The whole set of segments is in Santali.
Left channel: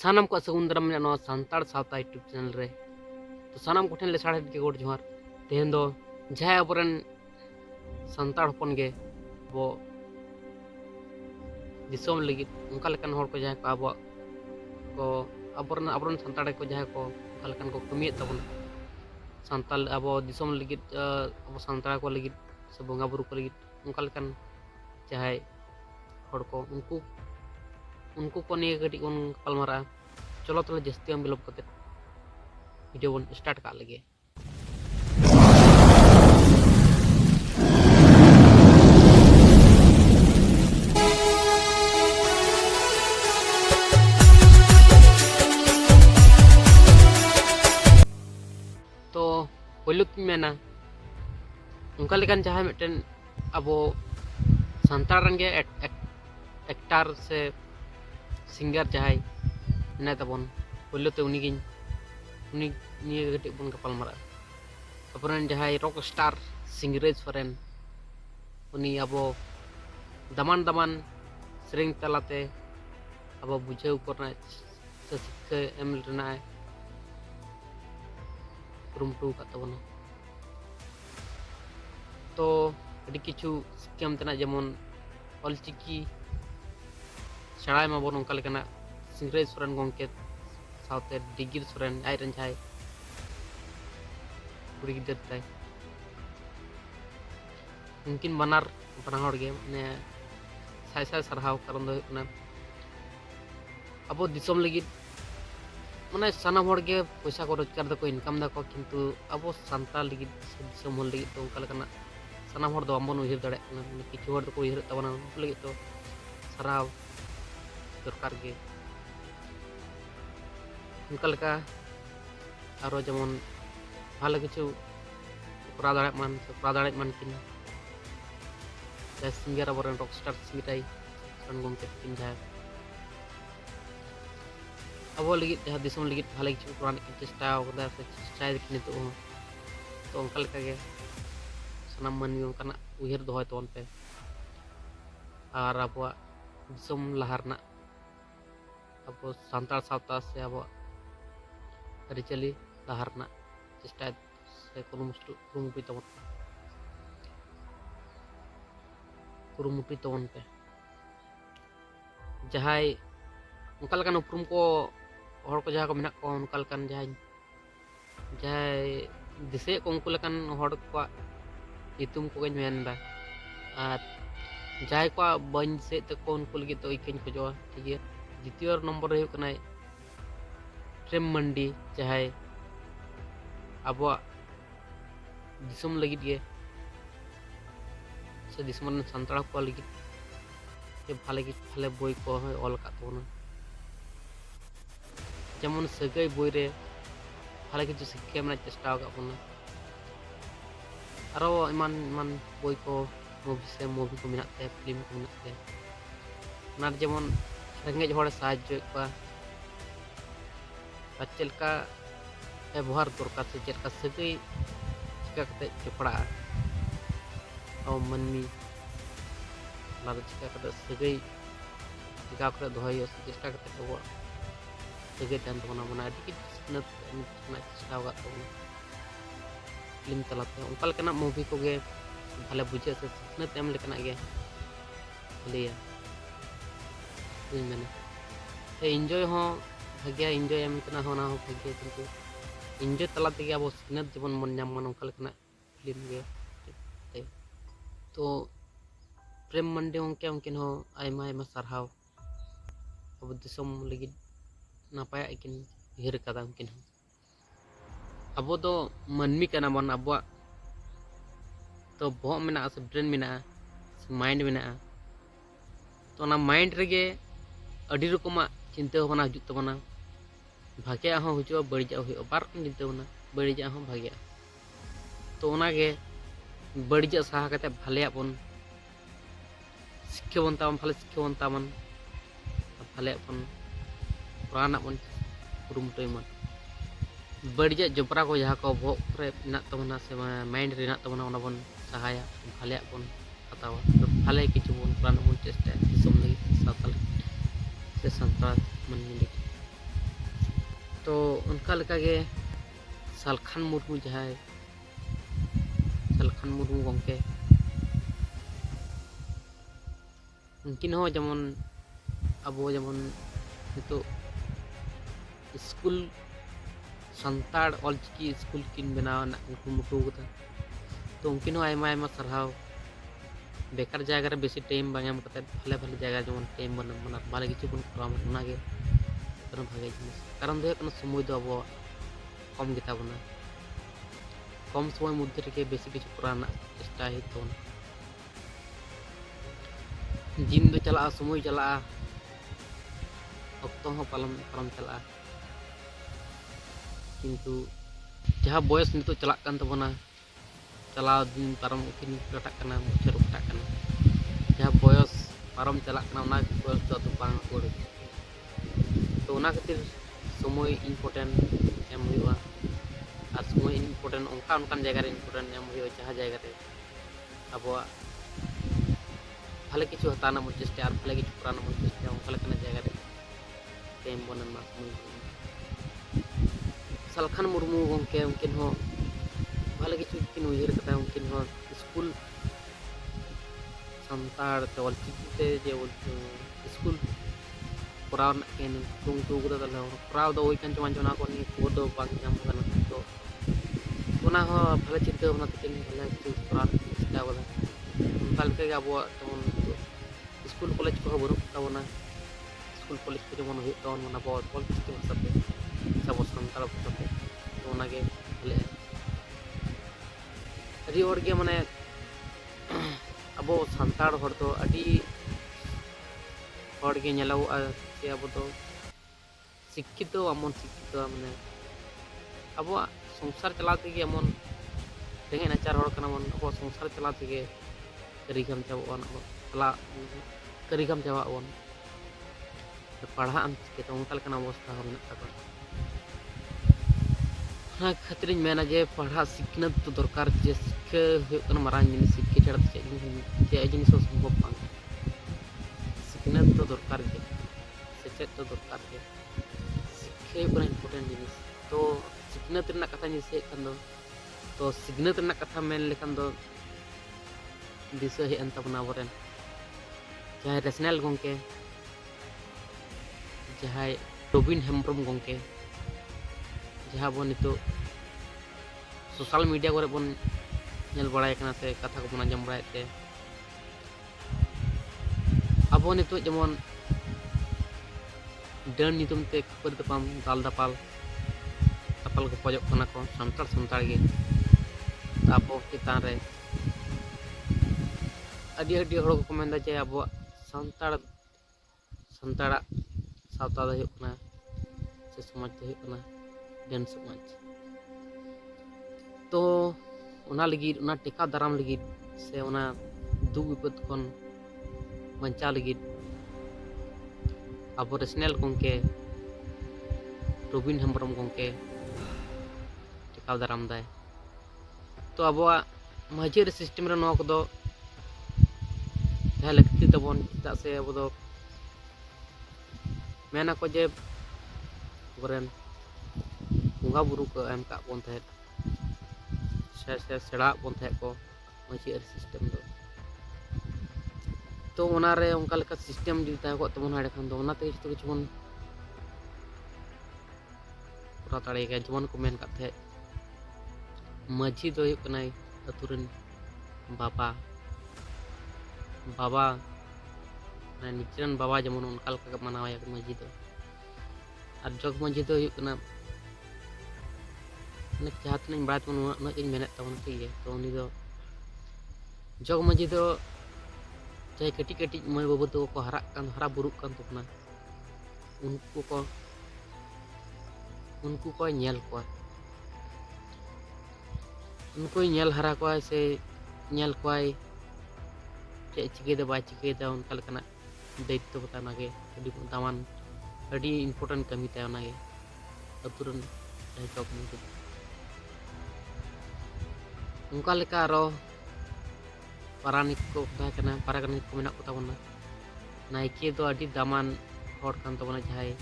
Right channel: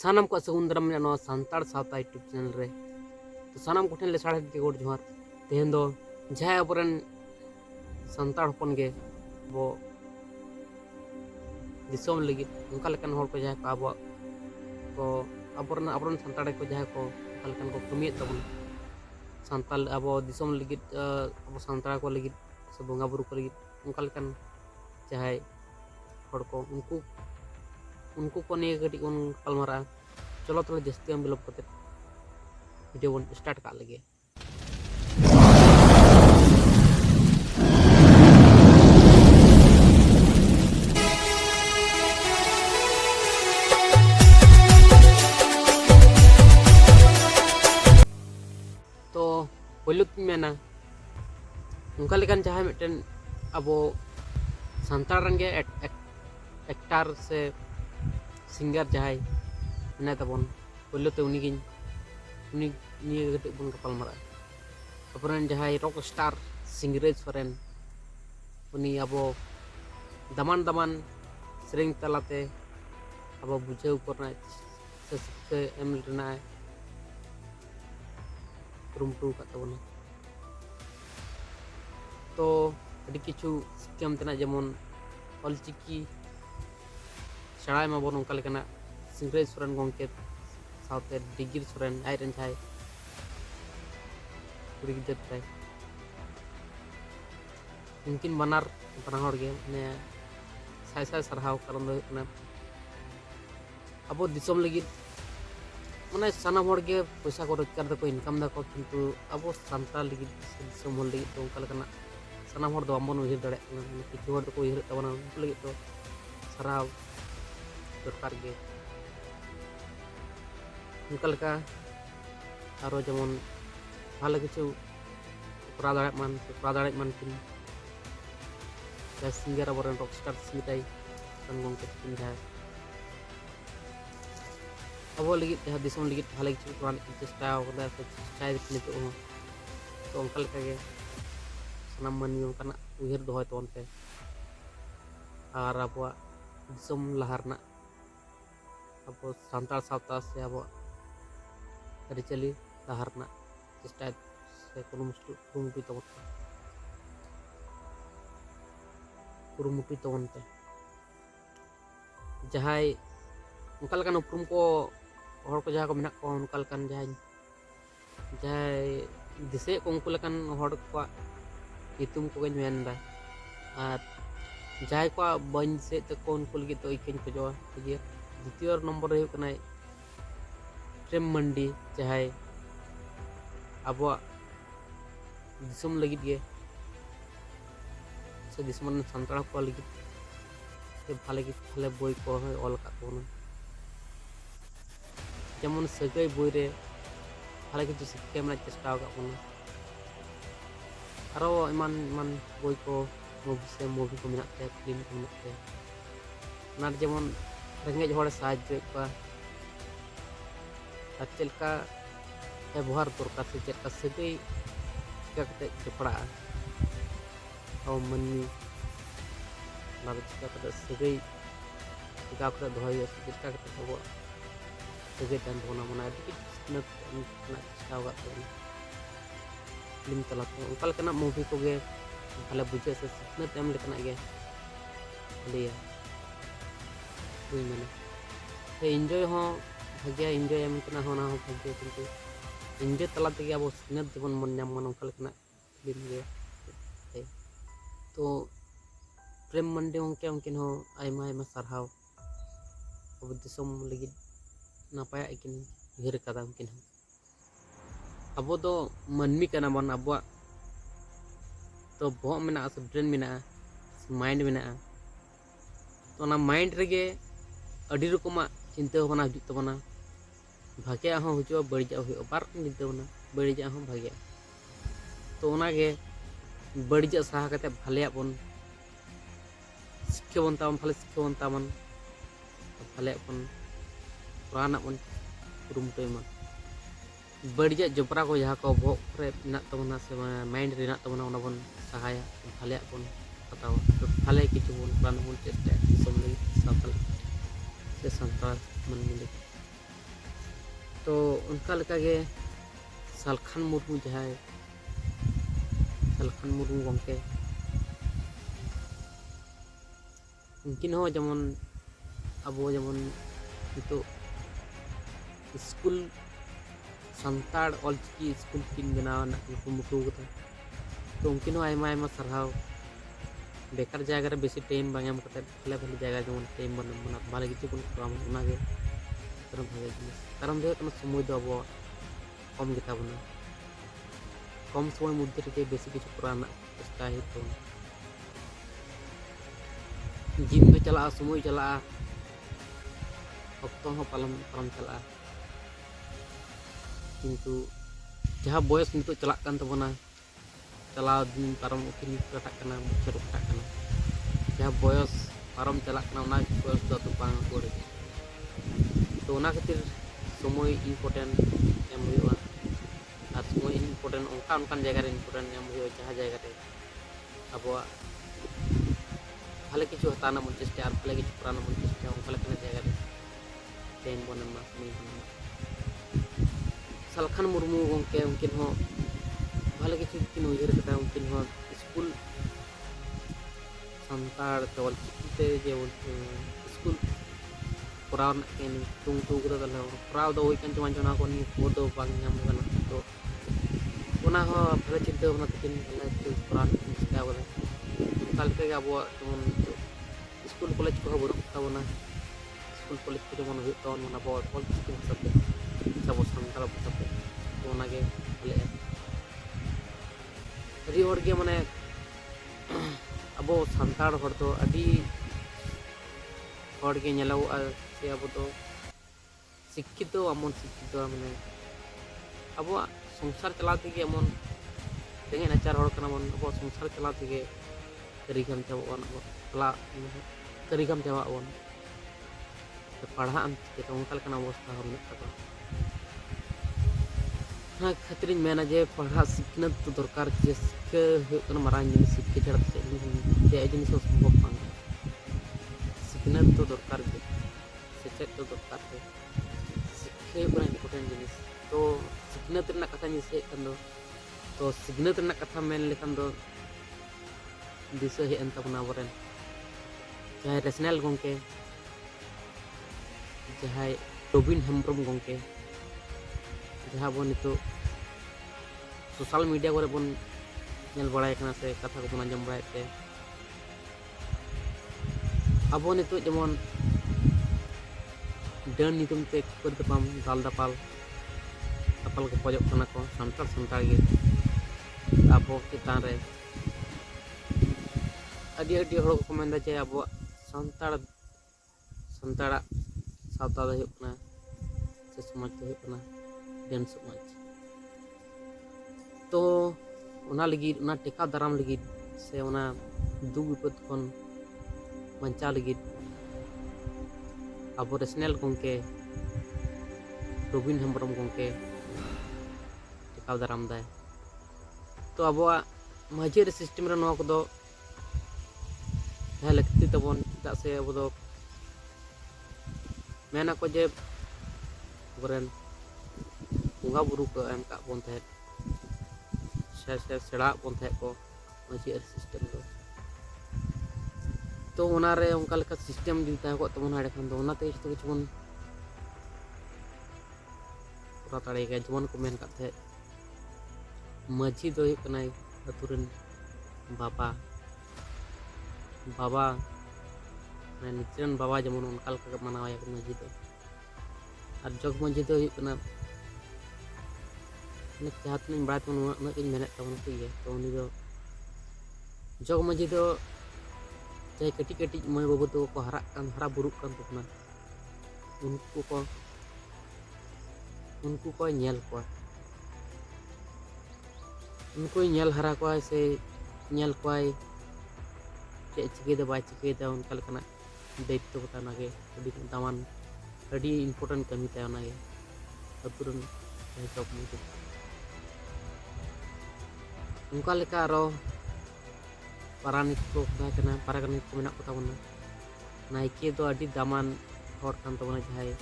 सानम को सगुन दाराम मेना सानताड़ सावता यूट्यूब चैनल रे तो सानम को ठेन लेसाड़े के गोड़ जोहार तेहन दो जहां अबरन सानताड़ हपन गे बो दिसोम लगी उनका लेकन होड़ को जहां को अब को अबरन सानताड़ को जहां को उनका लेकन को कमिए तबन सानताल अब दिसोम लगी अब सानताड़ को लगी से बोंगा बुरु को लगी उनका लेकन जहां होड़ को उनको को निये गटी उन कलमरा चलो तो जस्ती हम बिलोप करते वीडियो बन स्टार्ट कर लगे। तो पहलू मेना उनका लेकिन जहाँ मिट्टन अब सानताड़ रंगे एक्टर से सिंगर जहाँ मेना तबन पहलू ते उनी निये गटी बन गपाल मारा अपरन जहाँ रॉक स्टार सिंगरेज सोरेन उनी अब दमान दमान सेरेंग तलाते अब बुझाव करना से शिक्षा एम लेना कुरुमुटु का तबना तो अड़ी किछु स्कीम तना जेमन ऑलचिकी सेड़ा माबन उनका लेकना सिंगरेज सोरेन गंके साउते डिगिर सोरेन आयरन जहां कुड़ी गिदर ताय उनकिन बनार बनाहड़ गे माने साय साय सरहाव कारण दो ना अब दिसोम लगी माने सानाम हड़ गे पैसा को रोजगार दको इनकम दको किंतु अब सानताल लगी दिसोम हड़ लगी तो उनका लेकना सानाम हड़ दो आमबन उहिर दाड़े ना माने किछु हड़ दको उहिर तबना उनको लगी तो सरहाव दरकार गे उनका लेका आरो जेमन भालो किछु करा दाड़े मान किन सिंगर अबरन रॉक स्टार सिंगराई सन गंके किन जहां अब लगी जहां दिसोम लगी भालो किछु करा की चेष्टा कदा से चेष्टा नितो तो उनका लेका गे सनाम मानवी उनका उहिर दोहय तबन पे और अब दिसोम लहारना अब सानताड़ सावता से अब अरिचली लहारना चेष्टा से कुरुमुटु तबन पे जहां उनका लेकन उपरुम को हड़ को जहां को मेना को उनका लेकन जहां दिसे को उनको लेकन हड़ को इतुम को गन मेनदा और जहां को बन से ते को उनको लगी तो इकन खोजवा ठीक है। द्वितीय नंबर रे कना प्रेम मंडी जहां अब दिसोम लगी गे से दिसोम सानताड़ को लगी भाले बोई को ऑल का तबना जेमन सगई बोई रे भाले किछु शिक्षा में चेष्टा का बना आरो इमान इमान बोई को मूवी को मिनाते फिल्म को मिनाते ना जेमन रेंगेज हड़ साहाय्य को चलका व्यवहार दरकार से चलका सगई चिका कते जपड़ा और मनमी ला चिका कते सगई चिका कते दोहय से चिका कते अब सगई तन तबना मना अति कि चेष्टा का तबना फिल्म तलाते उनका लेकना मूवी को गे भाले बुझे से सिखनत एम लेकना गे लिया बुझ मैंने तो एंजॉय हो भाग्य एंजॉय एम कना होना हो भाग्य किंतु एंजॉय तला तेगे अब सिखनत जीवन मन नाम मन उनका लेकना फिल्म गे तो प्रेम मंडी उनके उनकिन हो आयमा आयमा सरहाव अब दिसोम लगी नापाय किन उहिर कदा उनकिन हो अब दो मनमी कना बन अब तो बहुत मेना से ब्रेन मेना से माइंड मेना तो ना माइंड रेगे अड़ी रकमा चिंता भावना हजू तबना भाग्या हो हजू बड़िजा हो बार चिंता भावना बड़िजा हो भाग्या तो उनागे बड़िजा सहा कते भाले बन शिक्षा बन ताबन भाले शिक्षा बन ताबन भाले बन पुराना बन कुरुमुटु मन बड़िजा जबरा को जहाँ को भोग रे ना तबना से माइंड रे ना तबना उना बन सहाया भाले बन हतावा भाले किछु बन पुराना बन चेष्टा दिसोम लगी सावताल से सानताड़ मन मिले तो उनका लेका गे सालखान मुर्मू जहाय सालखान मुर्मू गंके उनकिन हो जेमन अबो जेमन नितो स्कूल संताड़ ऑलचिकी स्कूल किन बनाव ना कुमुटू कदा तो उनकिन हो आयमा आयमा सरहाव बेकार जगह रे बेसी टाइम बांगेम कते भले भले जगह जेमन टाइम बन बना भाले किछु बन कराम उनागे तरह भागे जिनिस कारण दो कना समय दो अबो कम गिता बना कम समय मध्य रे बेसी किछु कराना चेष्टा है तो जिन दो चला समय चला अक्तो हो पालम पालम चला किंतु जहाँ बयस नितो चला कान तबना चलाव दिन पारम उकिन कटाक कना बछर कटाक कना जहाँ बयस पारम चला कना उना बयस तो तो बांग कोड़ तो उना खातिर समय इम्पोर्टेंट एम हुआ और समय इम्पोर्टेंट उनका जगह रे इम्पोर्टेंट एम हुआ जहाँ जगह रे अब भाले किछु हताना मन चेष्टा और भाले किछु पुराना मन चेष्टा उनका लेकना जगह रे टाइम बनना समय बनना सालखान मुर्मू गंके उनकिन हो भाले किछु किन उयहर कता उनकिन हो स्कूल संताड़ ते ऑलचिकी ते जे स्कूल कोराव ना केन टुंग टू कदा तले कोराव दो ओइकन चमान चना को नि को दो बांग नाम कना तो ओना हो भाले चिंता होना तकिन भाले किछु कोराव चेष्टा कदा उनका लेके अब जेमन स्कूल कॉलेज को बनु ताबना स्कूल कॉलेज को जेमन हुई तवन मना बहुत ऑलचिकी भाषा पे सब संताड़ भाषा पे तो ओनागे भले अड़ी और के माने अब संताड़ हर तो अड़ी और के नेलाव से अब तो शिक्षित अमन शिक्षित माने अब संसार चलाते के अमन रेंगे नाचार हर कना मन अब संसार चलाते के करिगम चाबन अब चला करिगम चाबन पढ़ा अन के तो उनका लेकना अवस्था हो मेना तक खातिर मेना जे पढ़ा सिखनत तो दरकार जे सिक्के मारांग जिनिस सिक्के छाड़ा चे जिनिस सम्भव बांग सिखनत तो दरकार के सेचेत तो दरकार के सिक्के इम्पोर्टेंट जिनिस तो सिखनत रना कथा जिसे खान दो तो सिखनत रना कथा मेन लेखान दो दिशा हे अंत बना बरेन जहाँ रेशनल गंके जहाँ रबिन हेम्ब्रम गंके जहाँ बो नितो सोशल मीडिया को बन नेल बड़ाय कना से कथा को बन आंजम बड़ाय ते अब नितो जेमन डन नितुम ते खबर तपाम दाल दापाल तापाल को पजक कना को संताड़ संताड़ गे तापो चितान रे अडी अडी हड़ को मेंदा जे अब संताड़ संताड़ा सावता दो हुकना से समाज दो हुकना डेन समाज तो उना लगी उना टेका दाराम लगी से उना दुख विपद खन बंचा लगी अब रेशनल गंके रबिन हेम्ब्रम गंके टेका दाराम दाय तो अब माझी सिस्टम रे नवा को जहाँ लगती तबन चेदा से अब मेना को जे बरेन बुंगा बुरु को एम का बन थे से सेड़ा बन थे को माझी सिस्टम दो तो उना रे उनका लेका सिस्टम जुदी ता को तबन हाड़े खान दो उना ते जतो किछु बन पूरा ताड़े के जमन को मेन का थे माझी दो कनाई अतुरन बाबा बाबा निचरन बाबा जमन उनका लेका मनावाया माझी दो और जग माझी दो कना जहाँ तीन बड़ा उन्ना मेन तबन ठीक है तो उनी दो जग माझी दो चाहे कटी कटी मई बाबू तो को हरा बुरुक कान तबना उनको को नेल को उनको नेल हरा को से नेल को चे चिके दे बाय चिके दे उनका लेकना दायित्व बताना के अड़ी दामान अड़ी इम्पोर्टेंट कमी ता ना के अतुरन जग माझी उनका लेका आरो पारानिक को ताकना पारानिक को मेना को ताबना नायके दो अड़ी दामान हर कान तबना जहाय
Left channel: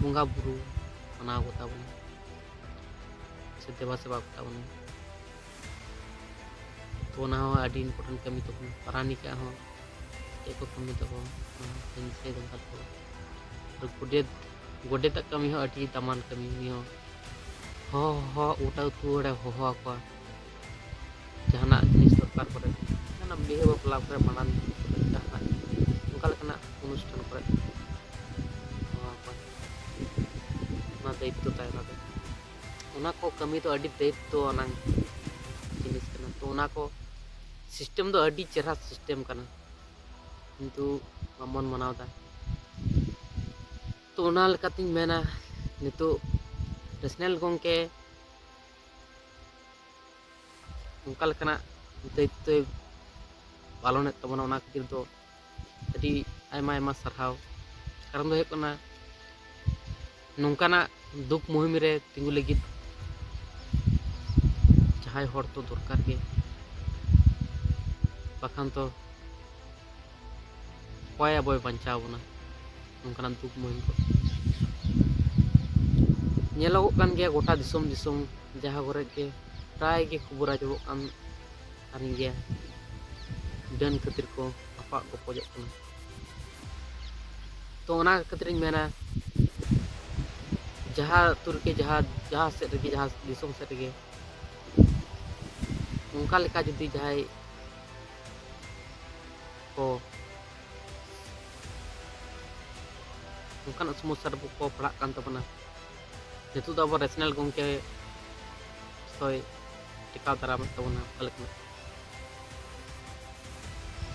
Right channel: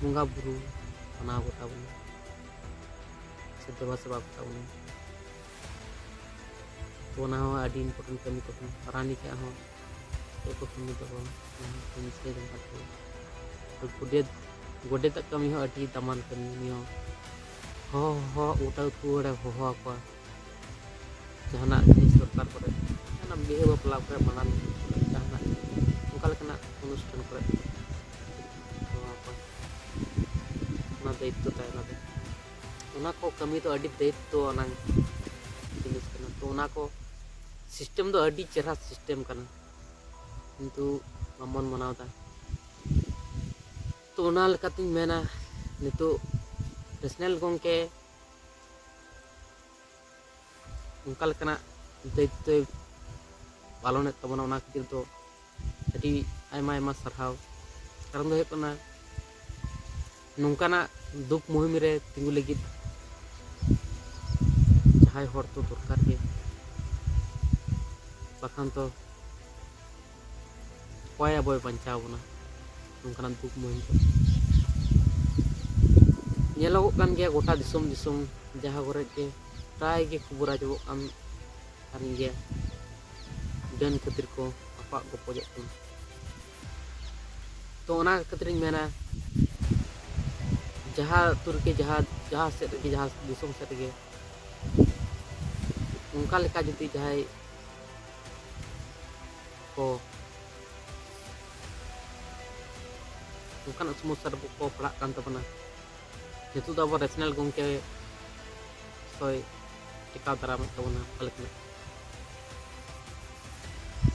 बुंगा बुरु ᱢᱟᱱᱟᱣ ᱠᱚ ᱛᱟᱵᱚᱱᱟ ᱥᱮ ᱫᱮᱵᱟ ᱥᱮᱵᱟ ᱠᱚ ᱛᱟᱵᱚᱱᱟ। तो ᱚᱱᱟ ᱦᱚᱸ ᱟᱹᱰᱤ इम्पोर्टेंट ᱠᱟᱹᱢᱤ ᱛᱟᱵᱚᱱ। ᱯᱟᱨᱟᱱᱤᱠᱟᱜ ᱦᱚᱸ ᱪᱮᱫ ᱠᱚ ᱠᱟᱹᱢᱤ ᱛᱟᱠᱚ ᱚᱱᱟ ᱦᱚᱸ ᱵᱟᱹᱧ ᱫᱤᱥᱟᱹᱭᱮᱫᱟ ᱚᱱᱠᱟ ᱫᱚ। ᱟᱨ ᱜᱚᱰᱮᱛᱟᱜ ᱠᱟᱹᱢᱤ ᱦᱚᱸ ᱟᱹᱰᱤ ᱫᱟᱢᱟᱱ ᱠᱟᱹᱢᱤ। ᱩᱱᱤ ᱦᱚᱸ ᱦᱚᱦᱚ ᱜᱚᱴᱟ ᱟᱹᱛᱩ ᱦᱚᱲᱮ ᱦᱚᱦᱚ ᱟᱠᱚᱣᱟ ᱡᱟᱦᱟᱱᱟᱜ ᱡᱤᱱᱤᱥ ᱫᱚᱨᱠᱟর ᱠᱚᱨᱮ, ᱡᱟᱦᱟᱱᱟᱜ ᱵᱤᱦᱟᱹ ᱵᱟᱯᱞᱟ ᱠᱚᱨᱮ, ᱵᱷᱟᱸᱰᱟᱱ ᱠᱚᱨᱮ, ᱡᱟᱦᱟᱱᱟᱜ ᱚᱱᱠᱟ ᱞᱮᱠᱟᱱᱟᱜ ᱚᱱᱩᱥᱴᱷᱟᱱ ᱠᱚᱨᱮ ᱦᱚᱦᱚ ᱟᱠᱚᱣᱟ। ᱚᱱᱟ ᱫᱟᱭᱤᱛᱛᱚ ᱛᱟᱭ ᱚᱱᱟ ᱫᱚ। ᱚᱱᱟ ᱠᱚ ᱠᱟᱹᱢᱤ ᱫᱚ ᱟᱹᱰᱤ ᱫᱟᱭᱤᱛᱛᱚ ᱟᱱᱟᱜ जिनिस कना। तो उना को सिस्टम दो अड़ी चेहरा सिस्टम कना, किंतु बामन मनावदा। तो उना लकातिन मेना नितो नेशनल गंके उनका लकना दायित्व पालन तबना। उना खातिर दो अड़ी आयमा आयमा सरहाव। कारण दो है कना नोंकाना दुख मुहिम रे तिंगु लगित जहाय हर तो दरकार के, बाखान तो कोय अबय बंचाव बना नोंकाना दुख मुहिम को। नेलोगो कान गया गोटा दिसोम दिसोम जहाँ घरे के प्राय के खबर आजमोग कान तारिन गया डन खातिर को आपाक गपजोग कना। तो ओना खातिर मेना जहाँ तुर के जहाँ सेट रगे जहाँ दिसोम सेट रगे उनका लेका जुदी जहाय को उनकान समस्या को पड़ा कान तबना। नितु दो अब नेशनल गंके सोय टिकाव दाराम तबना अलकना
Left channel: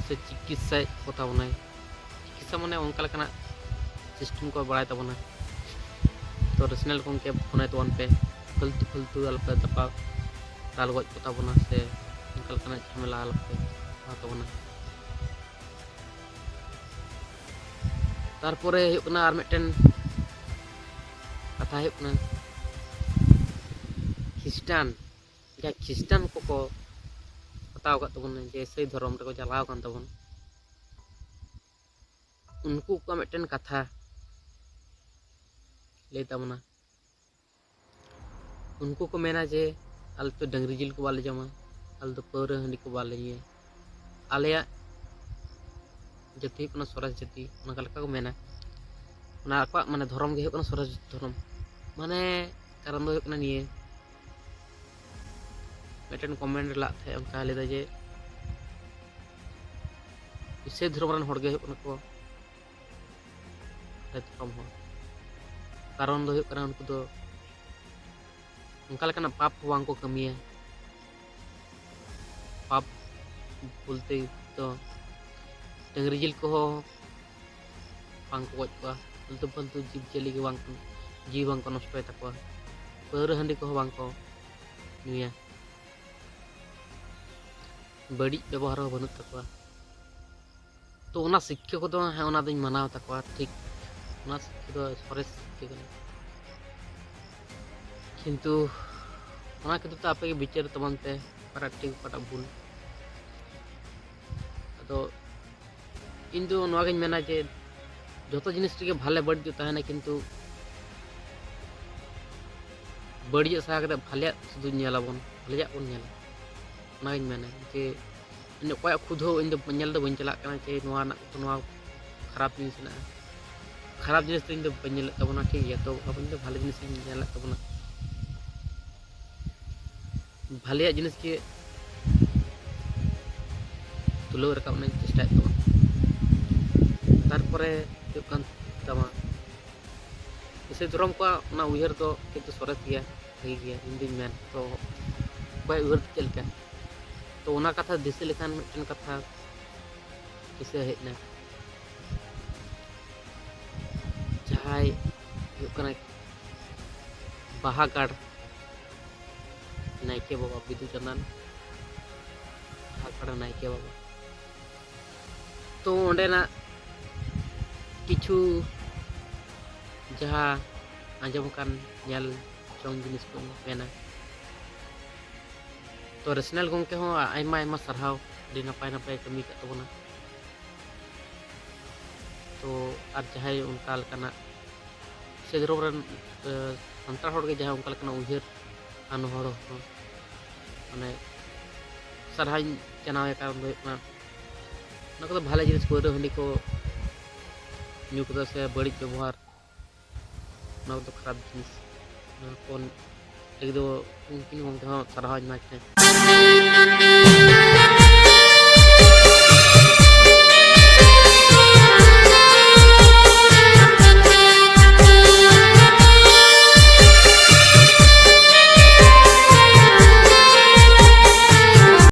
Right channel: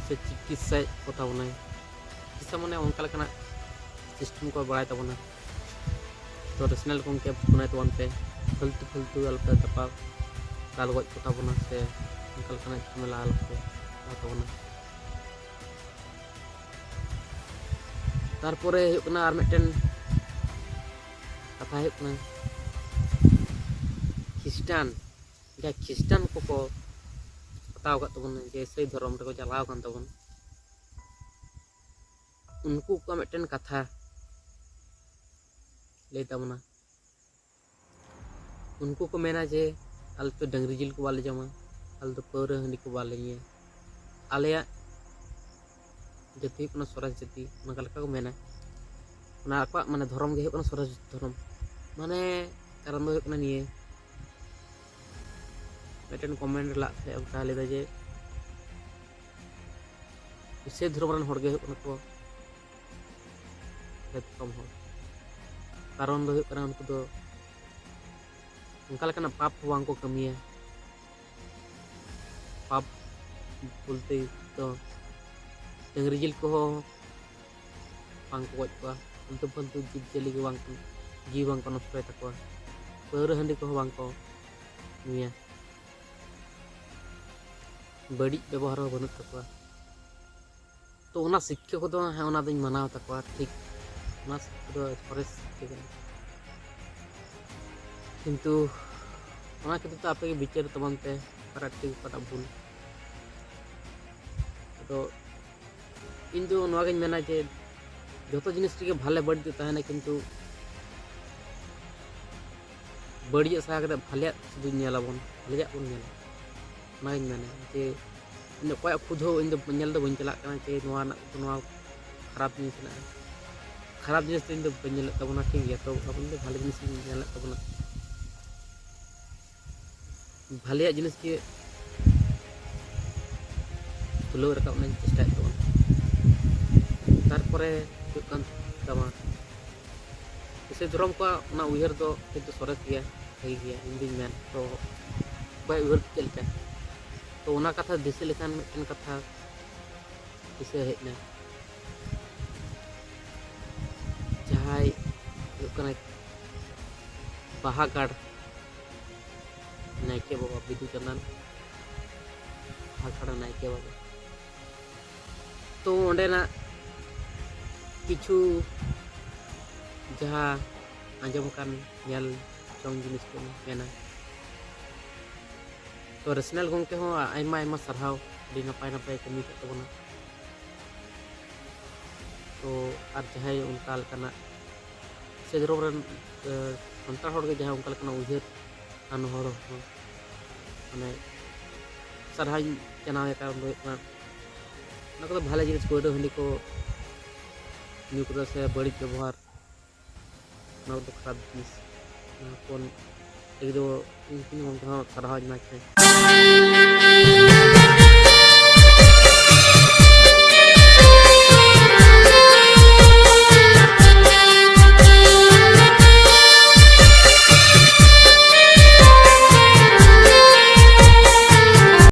से चिकित्सा को तबना। चिकित्सा माने उनका लेकाना सिस्टम को बढ़ाय तबना। तो नेशनल गंके बुनाय तबन पे फालतू फालतू अलपे तपा दाल गज को तबना से उनका लेकाना झमेला अलपे तबना। तारपरे हुयुग कना आर मिदटेन कथा हुयुग कना खिस्टान को हताव का तबन जे सही धर्म रे को चलाव कान तबन। उनको का मिदटेन कथा ले तबना। उनको को मेना जे आल तो डंगरी जिल को बाले जमा, आल तो पौरे हंडी को बाले ये आलेया जाति कना स्वराज जाति उनका लका को मेना। उना आकवा माने धर्म गे कना स्वराज धर्म माने कारण दो कना निये मिदटेन कमेंट ला थे उनका लेदा जे इसे धर्म रन हड़गे कना को कम हो। कारण दो कना उनको दो उनका लेकाना पाप वांग को कमिया। पाप बोलते तो डंगरी जिल को बांग को गज को फालतू फालतू जीव जियली के बांग जीव बांग को नष्टय तकवा। पौरे हंडी को बांग को नुया, बड़ी व्यवहार हो बनुत तकवा। तो उना शिक्षा को दो है उना दिन मनाव तकवा ठीक। उना शिक्षा दो सरेस के कना, किंतु उना खातिर तो आपे के विचार तबन पे परा ठीक परा भूल। तो इन दो नवा गኝ मेना जे जतो जिनिस रे भाले बड़ दो ताहेना, किंतु बड़िया सा कते भाले सुदु नेलाबन भाले बन नेला। उना गኝ मेना जे इन कोय खुद हो इन दो नेल दो बन चला कना जे नवा ना नवा खराब जिनिस ना खराब जिनिस इन दो बन नेल तबना ठीक गया। तो अब इन दो भाले जिनिस नेल तबना भाले जिनिस के तुलो रकाब ना चेष्टा तबन। तारपरे हुयुग कान तमा इसे धर्म को ना उयहर दो किंतु सरस गया भागी गया इन दिन मेन। तो कोई उयहर चलका तो उना कथा दिसे लेखान मिदटेन कथा दिसे हेजना जहाय हुयुग कना बाहागाड़ नायके बाबा बिदु चंदन बाहागाड़ नायके बाबा। तो ओंडेना किछु जहाँ आंजम कान नेल चोंग जिनिस को मेना। तो नेशनल गंके हो आयमा आयमा सरहाव अडी नपाय नपाय कमी का तबना। तो आर जहाय उनका लकाना ᱥᱮ ᱫᱷᱚᱨᱚᱢ ᱨᱮᱱ ᱥᱟᱱᱛᱟᱲ ᱦᱚᱲ ᱜᱮ ᱡᱟᱦᱟᱸᱭ ᱚᱱᱠᱟ ᱞᱮᱠᱟᱱᱟᱜ ᱩᱭᱦᱟᱹᱨ ᱟᱱ ᱦᱚᱲ ᱦᱚᱸ ᱢᱟᱱᱮ ᱥᱟᱨᱦᱟᱣᱤᱧ ᱪᱟᱱᱟᱣᱮ ᱠᱟᱨᱚᱱ ᱫᱚ ᱦᱩᱭᱩᱜ ᱠᱟᱱᱟ ᱚᱱᱟ ᱠᱚᱫᱚ ᱵᱷᱟᱞᱮ ᱡᱤᱱᱤᱥ ᱯᱟᱹᱣᱨᱟᱹ ᱦᱟᱺᱰᱤ ᱠᱚ ᱧᱩ ᱠᱚᱫᱚ ᱥᱮ ᱵᱟᱹᱲᱤᱡ ᱵᱮᱵᱚᱦᱟᱨ ᱚᱱᱟ ᱠᱚᱫᱚ ᱠᱷᱟᱨᱟᱯ ᱡᱤᱱᱤᱥ ᱚᱱᱟ ᱠᱚ ᱞᱟᱹᱜᱤᱫ ᱫᱚ ᱩᱱᱠᱤᱱ ᱜᱚᱢᱠᱮ ᱦᱚᱸ ᱥᱟᱨᱦᱟᱣᱤᱧ ᱮᱢᱟᱭ ᱠᱟᱱᱟ।